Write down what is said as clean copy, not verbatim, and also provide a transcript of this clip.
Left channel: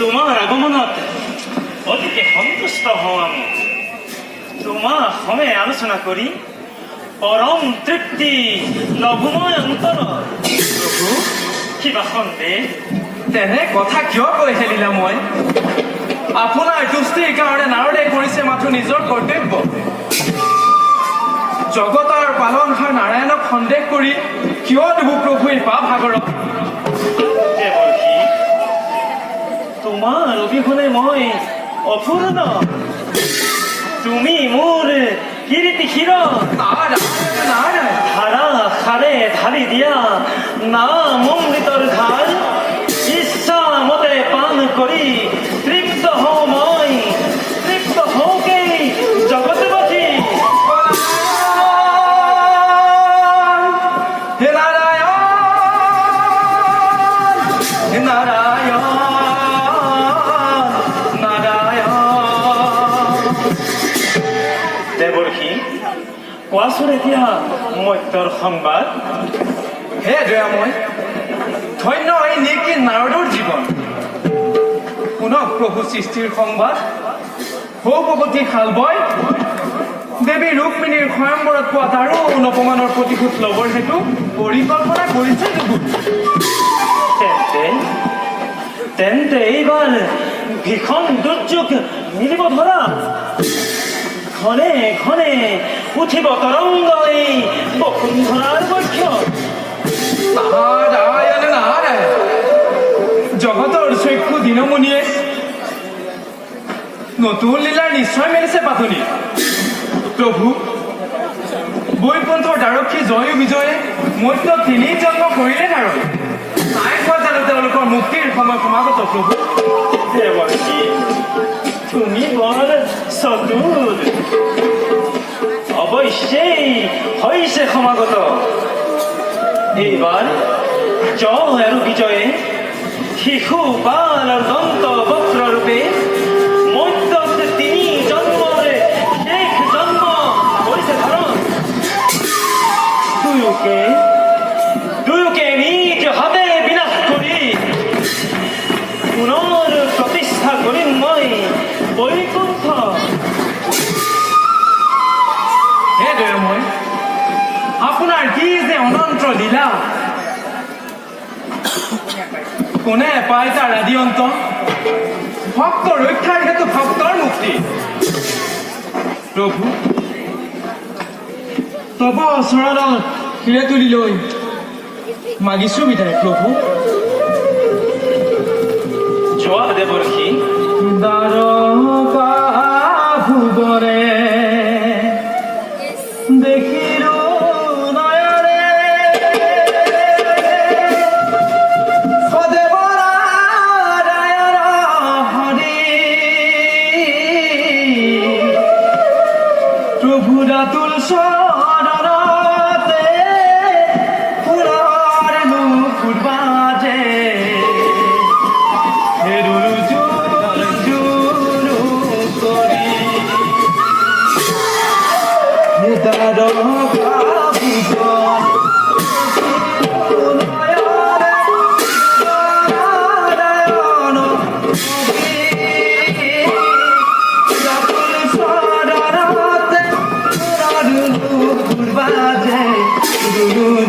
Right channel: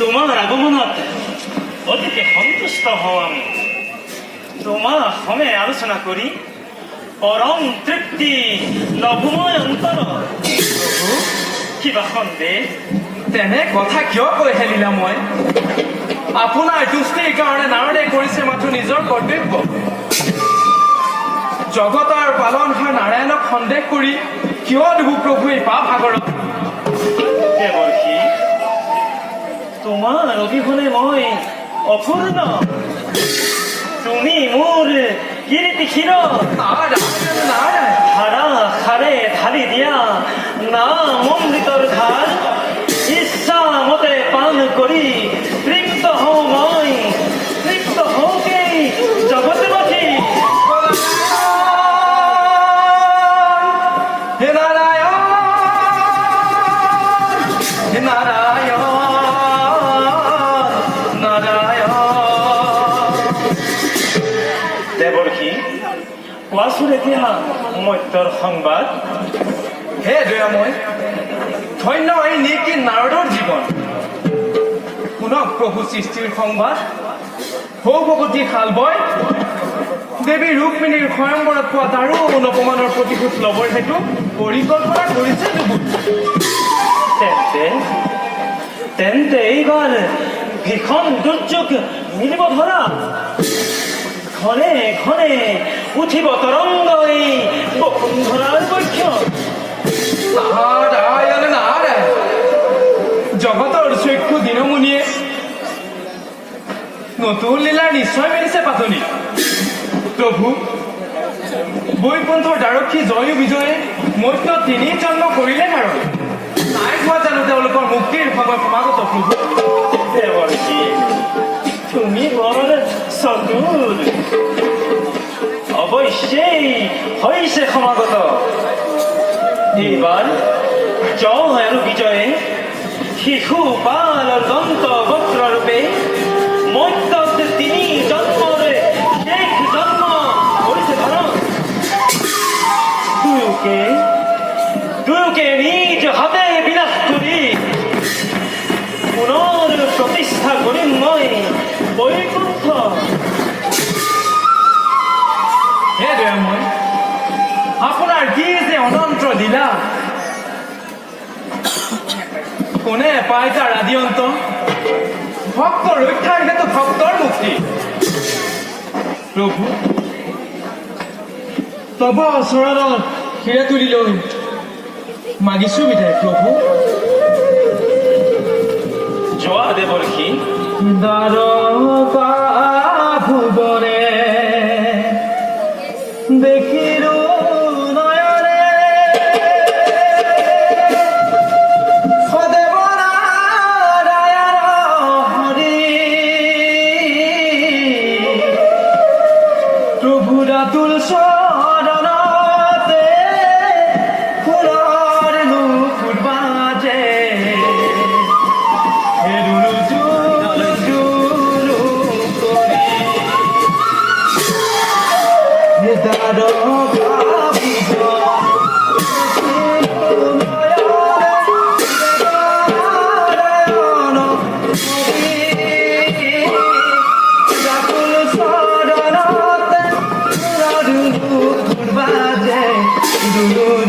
তোমার আগমনত অতিকে সন্তুষ্ট হওঁ আমি তোমার সমে আলোচনা করি পরম তৃপ্তি লঘুময় অন্তর কিবা সন্দেহ তেনে কথা কিয় কৈ খেলিলা মই আপোনাৰ তুষ্টিৰ কাৰণে নাৰদে কৰিছে মাথো নিজৰ কৰ্তব্য জগতৰ পালনহাৰ নাৰায়ণক সন্দেহ কৰি কিয় দিব প্ৰভু এই পাপ সাগৰত দেৱৰ্ষি তোমাৰ অবিহনে মই অপূৰ্ণ তুমি মোৰ কীৰ্তি শিৰ ধাৰা খাৰে ঢালি দিয়া নাম অমৃতৰ ধাৰ ইচ্ছা মতে পান কৰি তৃপ্ত হওঁ মই তৃপ্ত হওঁকেই জগতে বাসী হে নাৰায়ণ হে নাৰায়ণ নাৰায়ণ দেৱৰ্ষি কোৱাচোন এতিয়া মত্যৰ সংবাদ হে দয়াময় ধন্য এই নিকি নাৰদৰ জীৱন শুনক প্ৰভু সৃষ্টিৰ সংবাদ ভগৱতী শালবই দেৱী ৰুক্মিণীৰ স্বয়ংবৰত পোৱা তাৰো নপমানৰ প্ৰতিশোধ ল'বৰ হেতু পৰিকল্পনা কৰিছে তেন্তে এইবাৰ ভীষণ দুৰ্যোগ মিলিব ধৰা ঘনে ঘনে উঠিব তৰংগ এই বসুন্ধৰাৰ বক্ষ নাৰায়ণ নাৰায়ণ জগতৰ চক্ষু দিনমণিয়ে নতুন লীলাৰ নিশ্চয় মেলিছে পাতনি প্ৰভু বৈকুণ্ঠৰ দ্বাৰক্ষী জয়ো বিজয়ে মধ্য তিনি জন্ম কৰিলে নাৰদ নাই হোৱা জানো তেওঁলোকৰ মুক্তিৰ সময় সমাগত প্ৰভু দেৱৰ্ষি তুমি বৰ চতুৰ অৱশ্যেই হৈছে সমাগত এইবাৰ জয় আৰু বিজয়ে শিশু বাল আৰু দন্ত বক্ৰ ৰূপে মধ্যত তিনি জন্মৰে শেষ জন্ম কৰিছে ধৰণ দুয়োকে নিজ হাতে বিনাশ কৰি পুনৰ প্ৰতিষ্ঠা কৰিম মই বৈকুণ্ঠ হে দয়াময় আপোনাৰ কি যে অনন্ত লীলা কোনে পাই তাৰ আদি অন্ত ভক্ত ৰক্ষাৰ হেতু ভক্তৰ মুক্তি প্ৰভু তব চৰণত শিৰে তুলি লৈ মাগিছো বিদায় প্ৰভু যোৱা দেৱৰ্ষি দ্বাৰকা ভুৱনে দেখিলো নয়নে সদেৱ নাৰায়ণ হৰি প্ৰভু ৰাতুল চৰণতে ফুলৰ নুপুৰ বাজে Guru